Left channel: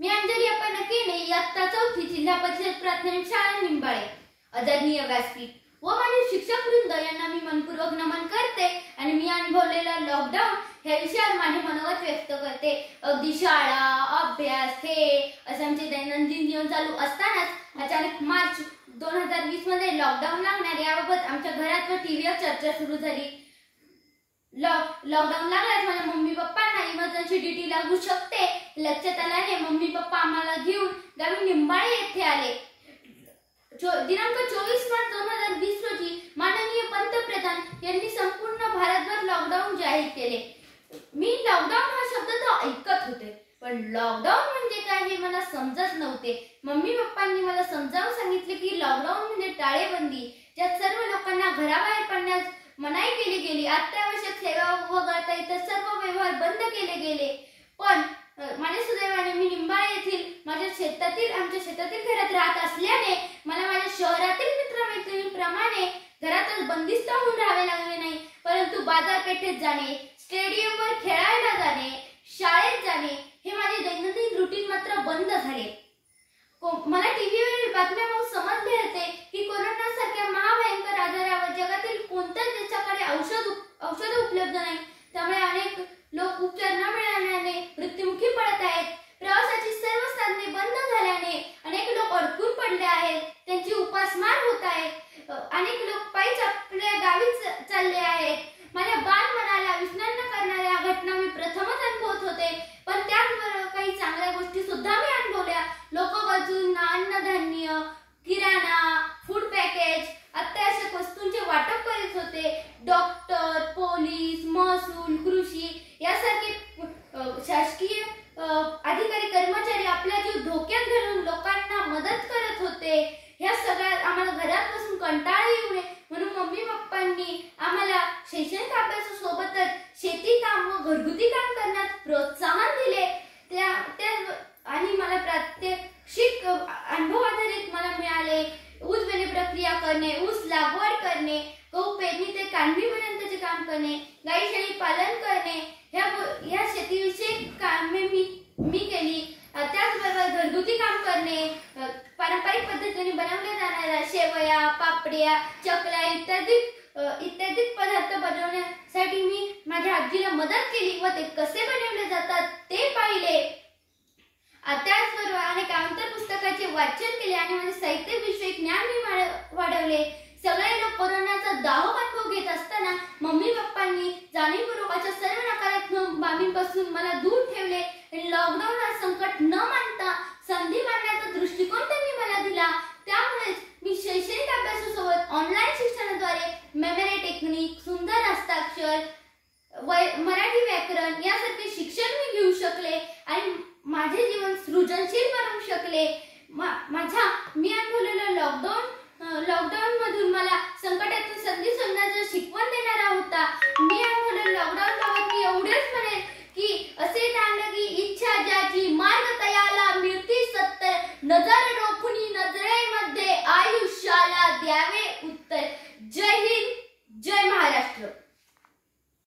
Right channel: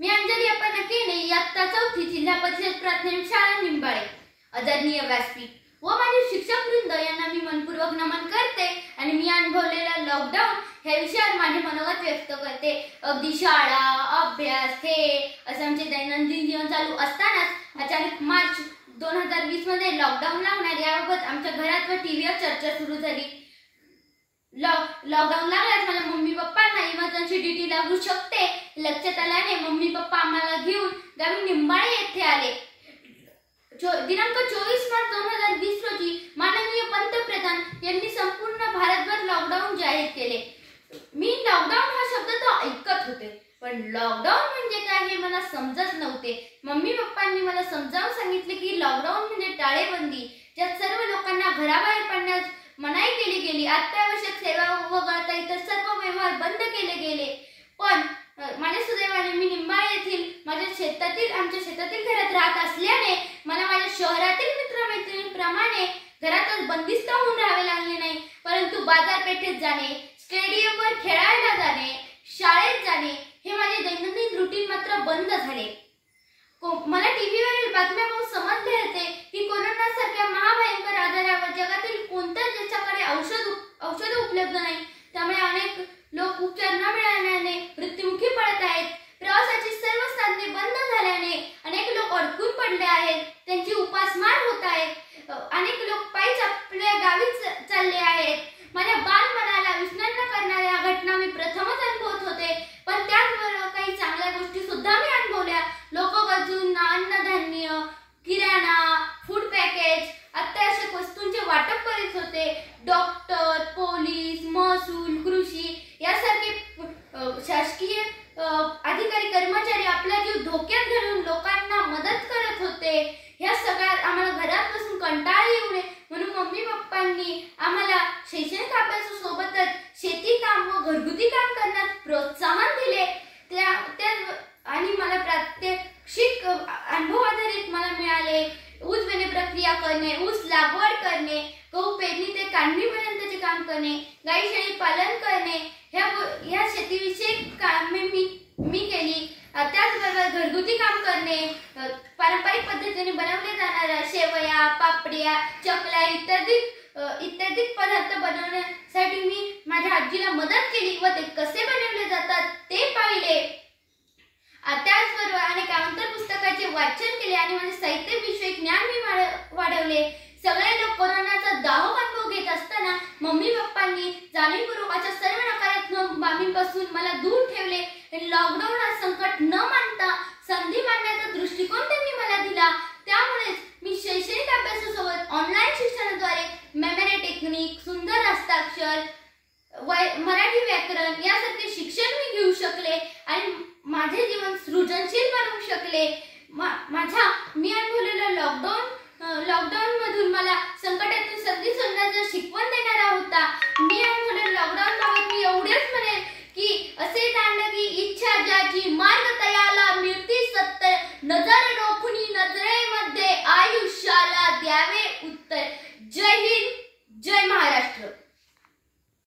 मी अंजली अप्पा केने इयत्ता 4 जिल्हा परिषद प्राथमिक शाळा निंबाळे। आदरणीय व्यासपीठ व माझे शिक्षक वृंद यांना मी मनपूर्वक नमन करते आणि मी अनुभवलेला लॉकडाऊन ह्या विषयावर माझे मनोगत व्यक्त करते। अगदी शाळा, अभ्यास, खेळ असं आमचे दैनंदिन जीवन चालू असतानाच अचानक मार्च 2020 मध्ये लॉकडाऊन लागणार याबाबत आमच्या घरात व टीव्हीवर चर्चा सुरू झाली। लॉकडाऊन लागल्यास माझ्या मम्मी पप्पांना इमर्जन्सी ड्युटी लागू शकते लक्षात आल्याने मम्मी पप्पा आम्हाला घेऊन गावी निंबाळे येथे आले। दिनांक 24 मार्च 2020 रोजी माननीय पंतप्रधान यांनी संपूर्ण भारतभर लॉकडाऊन जाहीर केले। मी लॉकडाऊन हा शब्द तर ऐकत होते, पण लॉकडाऊन म्हणजे काय हे मला समजत नव्हते। मम्मी पप्पांनी मला समजावून सांगितले की लॉकडाऊन म्हणजे टाळेबंदी, ज्यात सर्व लोकांना घराबाहेर पडण्यास मनाई केली गेली, अत्यावश्यक सेवा वगळता इतर सर्व व्यवहार बंद केले गेले। पण माझ्या सुदैवाने मी निंबाळे येथील आमच्या शेतातील घरात राहत असल्याने मला माझ्या शहरातील मित्रमैत्रिणींप्रमाणे घरातच बंदिस्त होऊन राहावे लागले नाही, परंतु बाजारपेठेत जाणे, स्टेडियमवर खेळायला जाणे, शाळेत जाणे हे माझे दैनंदिन रुटीन मात्र बंद झाले। मला टीव्हीवरील बातम्या पाहून समजले होते की कोरोनासारख्या महाभयंकर आजारावर जगातील कोणत्याच देशाकडे औषध उपलब्ध नाही, त्यामुळे अनेक लोक उपचार न मिळाल्याने मृत्युमुखी पडत आहेत। प्रवासाची सर्व साधने बंद झाल्याने अनेक लोक अडकून पडले आहेत, त्यांची उपासमार होत आहे। अनेक लोक पायीच आपल्या गावी चालले आहेत। माझ्या बालमनाला विस्मरण करणाऱ्या घटना मी प्रथमच अनुभवत होते, पण त्याचबरोबर काही चांगल्या गोष्टी सुद्धा मी अनुभवल्या। लोक गरजूंना अन्नधान्य, किराणा, फूड पॅकेज, अत्यावश्यक वस्तूंचे वाटप करीत होते। डॉक्टर, पोलीस, महसूल, कृषी यासारखे शासकीय अधिकारी कर्मचारी आपला जीव धोक्यात घालून लोकांना मदत करत होते। ह्या सगळ्यात आम्हाला घरात बसून कंटाळा येऊ नये म्हणून मम्मी पप्पांनी आम्हाला शैक्षणिक अभ्यासासोबतच शेती काम व घरगुती काम करण्यास प्रोत्साहन दिले। आणि मला प्रात्यक्षिक अनुभव आधारित मला मिळाले। ऊस वेचणी प्रक्रिया करणे, ऊस लागवड करणे, गहू पेरणी ते काढणीपर्यंतचे काम करणे, गाई शेळी पालन करणे ह्या शेतीविषयक कामे मी केली। त्याचबरोबर घरगुती काम करणे, पारंपरिक पद्धतीने बनवल्या जाणाऱ्या शेवया, पापड्या, चकल्या इत्यादी पदार्थ बनवण्यासाठी मी माझ्या आजीला मदत केली व ते कसे बनवले जातात ते पाहिले। त्याचबरोबर अनेक आंतर पुस्तकाचे वाचन केले आणि माझे साहित्यविषयक ज्ञान मी वाढवले। सगळे लोक कोरोनाचा दाहक अनुभव घेत असताना मम्मी पप्पांनी जाणीवपूर्वक अशा सर्व नकारात्मक बाबींपासून मला दूर ठेवले। लॉकडाऊन हा संकट न मानता संधी मानण्याचा दृष्टिकोन त्यांनी मला दिला। त्यामुळेच मी शैक्षणिक अभ्यासासोबत ऑनलाईन शिक्षणाद्वारे मेमरी टेक्निक, सुंदर हस्ताक्षर, मराठी व्याकरण यासारखे शिक्षण मी घेऊ शकले आणि माझे जीवन सृजनशील बनवू शकले। मी अनुभवलेला लॉकडाऊन मधून मला संकटातून संधी शोधण्याची शिकवण देणारा होता। मी अनुभवलेल्या लॉकडाऊन बाबत मी एवढेच म्हणेन की असे जाणलं की इच्छा ज्याची मार्ग तयाला मिळती सत्य नजर